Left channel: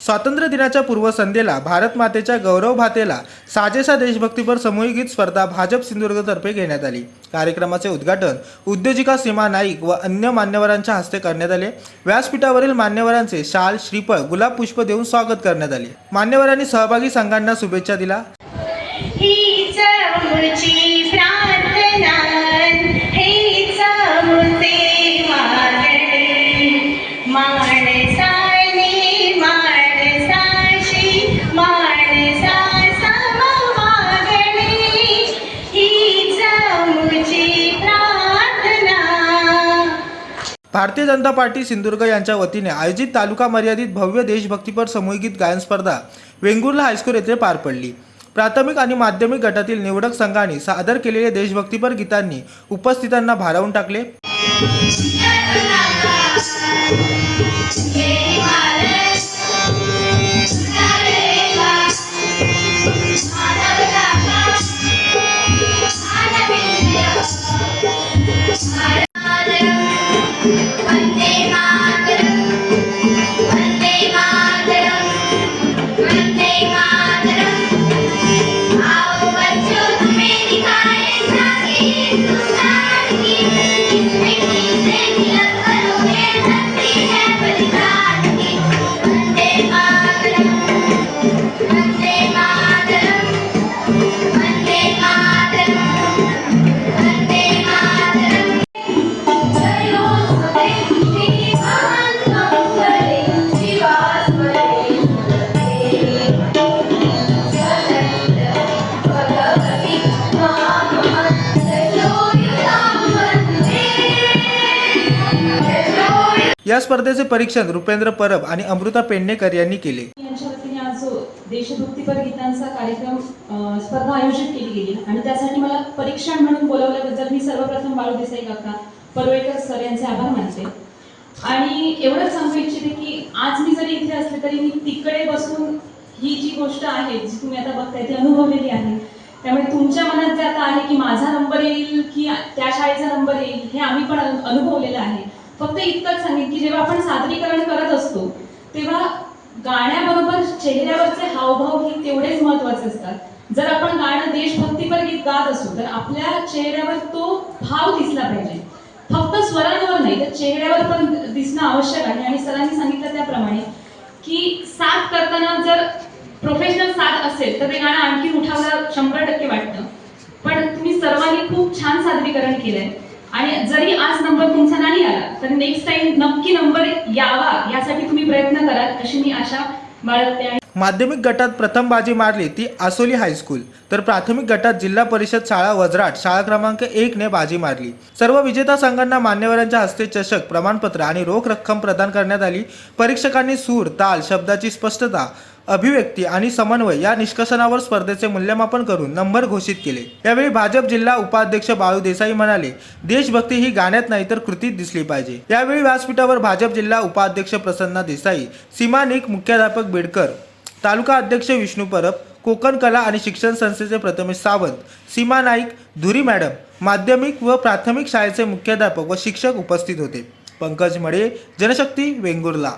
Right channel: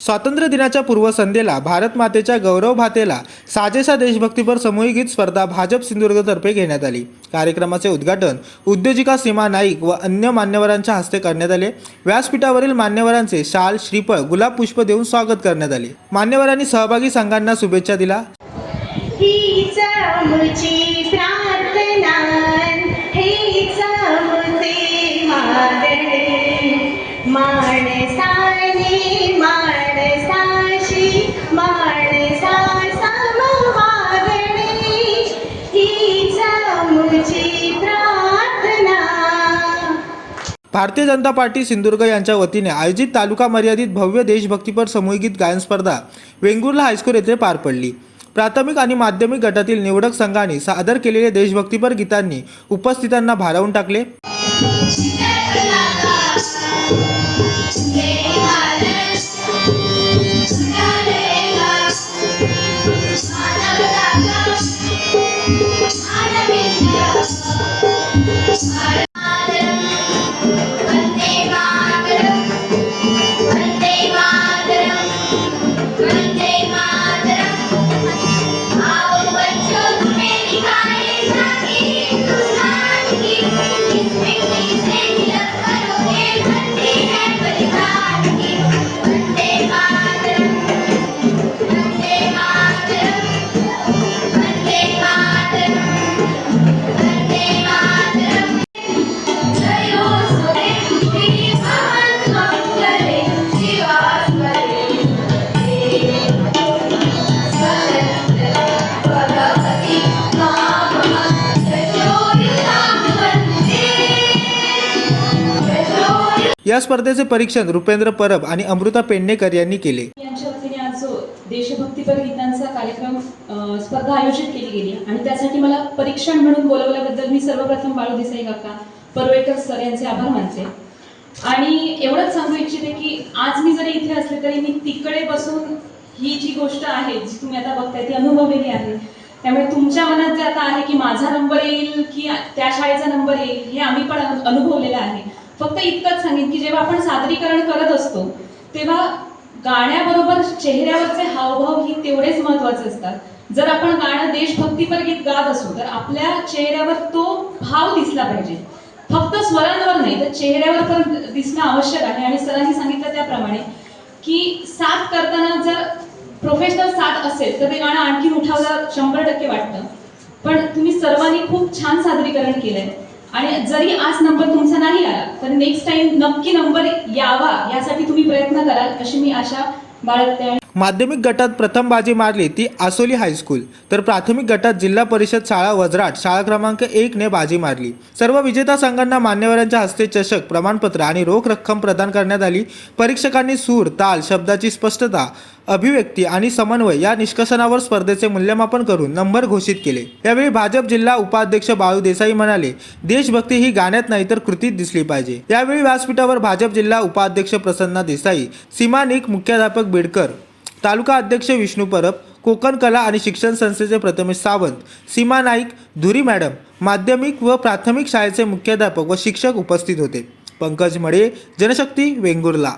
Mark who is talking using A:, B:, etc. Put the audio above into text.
A: स्वातंत्र्य दिनाच्या पूर्वसंध्येला भारत मातेच्या गौरव भातेला साजेसा देशभक्तीपर सामूहिक गीत स्पर्धा भाजप सिंधुदुर्गतर्फे घेण्यात आली. कार्यक्रमाचे उद्घाटन उद्योजिका सीमा नाईक व अन्य मान्यवरांच्या हस्ते करण्यात आले. व्यासपीठावरील मान्यवरांचे शाल श्रीफळ गुलाब पुष्प देऊन स्वागत करण्यात आले. मान्यवरांनी सहभागी संघांना शुभेच्छा दिला भारतीय जनता पार्टी सिंधुदुर्ग यांच्या वतीने आयोजित तालुका मर्यादित भव्य देशभक्तीपर सामूहिक गीत गायन स्पर्धा वेंगुर्ला हायस्कूल येथे पार पडली प्राथमिक आणि माध्यमिक गटातील निवडक संघांनी सादर केलेल्या देशभक्तीपर गीतांनी उपस्थितांना भारावून टाकले
B: Yeah.
A: या स्पर्धेचे परीक्षण रुपेंद्र परब आणि अमृता पेडणेकर यांनी केले.
C: यांच्या वतीने आज देशभक्तीपर गीतांचा कार्यक्रम स्पर्धा आयोजित केली गेली. आणि त्यासाठी मला परीक्षण म्हणून बोलवल्याबद्दल मी सर्वप्रथम बाळू देसाई काका परवेकर सर यांचे आभार मानते. आणि एवढंच सांगू इच्छिते की आज मी जरी इथे असले तरी मी तिकडे बसून ही जी गोष्ट आहे जी तुम्ही आता बघताय ती अनुभवलेली आहे. त्यामुळे तुमच्या मनात जे आता आहे की माझा नंबर येईल की त्या शाळेचा नंबर येईल हे आम्ही पण अनुभवलेलं आहे. फक्त इतकंच सांगेन की जेव्हा आपण सादरीकरण करत असतो तेव्हा गाण्याबरोबर चेहऱ्यावरचे हावभाव ही तेवढेच महत्त्वाचे असतात. जर आपण गाणं देशभक्तीपर गीत गात असू तर आपल्या चेहऱ्यावर तो भाव दिसला पाहिजे. फक्त स्वरांवर नाही तर चेहऱ्यावर पण दिसणं आवश्यक आहे. आणि सरांनी सांगितलं त्याप्रमाणे की साथ करताना जर प्रोफेशनल साथ असेल तर ते गाणं आणखी उठावलं शंभर टक्के वाटतं. पण तुम्ही सर्वांनी खूप छान सादरीकरण केलंय. आणि जरी आज नंबर तुमचा नाही आला तर नेक्स्ट टाइम नक्की नंबर यावा यासाठी तुम्ही प्रयत्न कराल अशी मी आशा बाळगते आहे
A: माध्यमिक गटात प्रथम बाजी मारली ती आसोली हायस्कूल तर प्राथमिक गटात जिल्हा परिषद शाळा वजराट शाळा क्रमांक एक ने बाजी मारली. सर्व विजेता संघांना मान्यवरांच्या हस्ते चषक प्रमाणपत्र आणि रोख रक्कम प्रदान करण्यात आली. परीक्षकांनी सूर ताल शब्दाची स्पष्टता अभिव्यक्ती आणि समन्वय या निष्कर्षणावर स्पर्धेचे मूल्यमापन करून नंबर घोषित केले. यावेळी भाजप जिल्हा उपाध्यक्ष बाळू देसाई म्हणाले देशभक्ती ही गाण्यात नाही तर कृतीत दिसली पाहिजे. यावेळी व्यासपीठावर भाजप जिल्हा उपाध्यक्ष प्रसन्ना देसाई सीमा निक मुख्याध्यापक बेडकर तालुका अध्यक्ष विष्णू परब कोकण कला आणि शिक्षण संस्थेचे प्रथमेश सावंत सीमा नाईक धुरी मॅडम माध्यमिक व प्राथमिक शाळेचे मुख्याध्यापक व शिक्षक उपस्थित होते. पंकज मडे जनशक्ती वेंगुर्ला.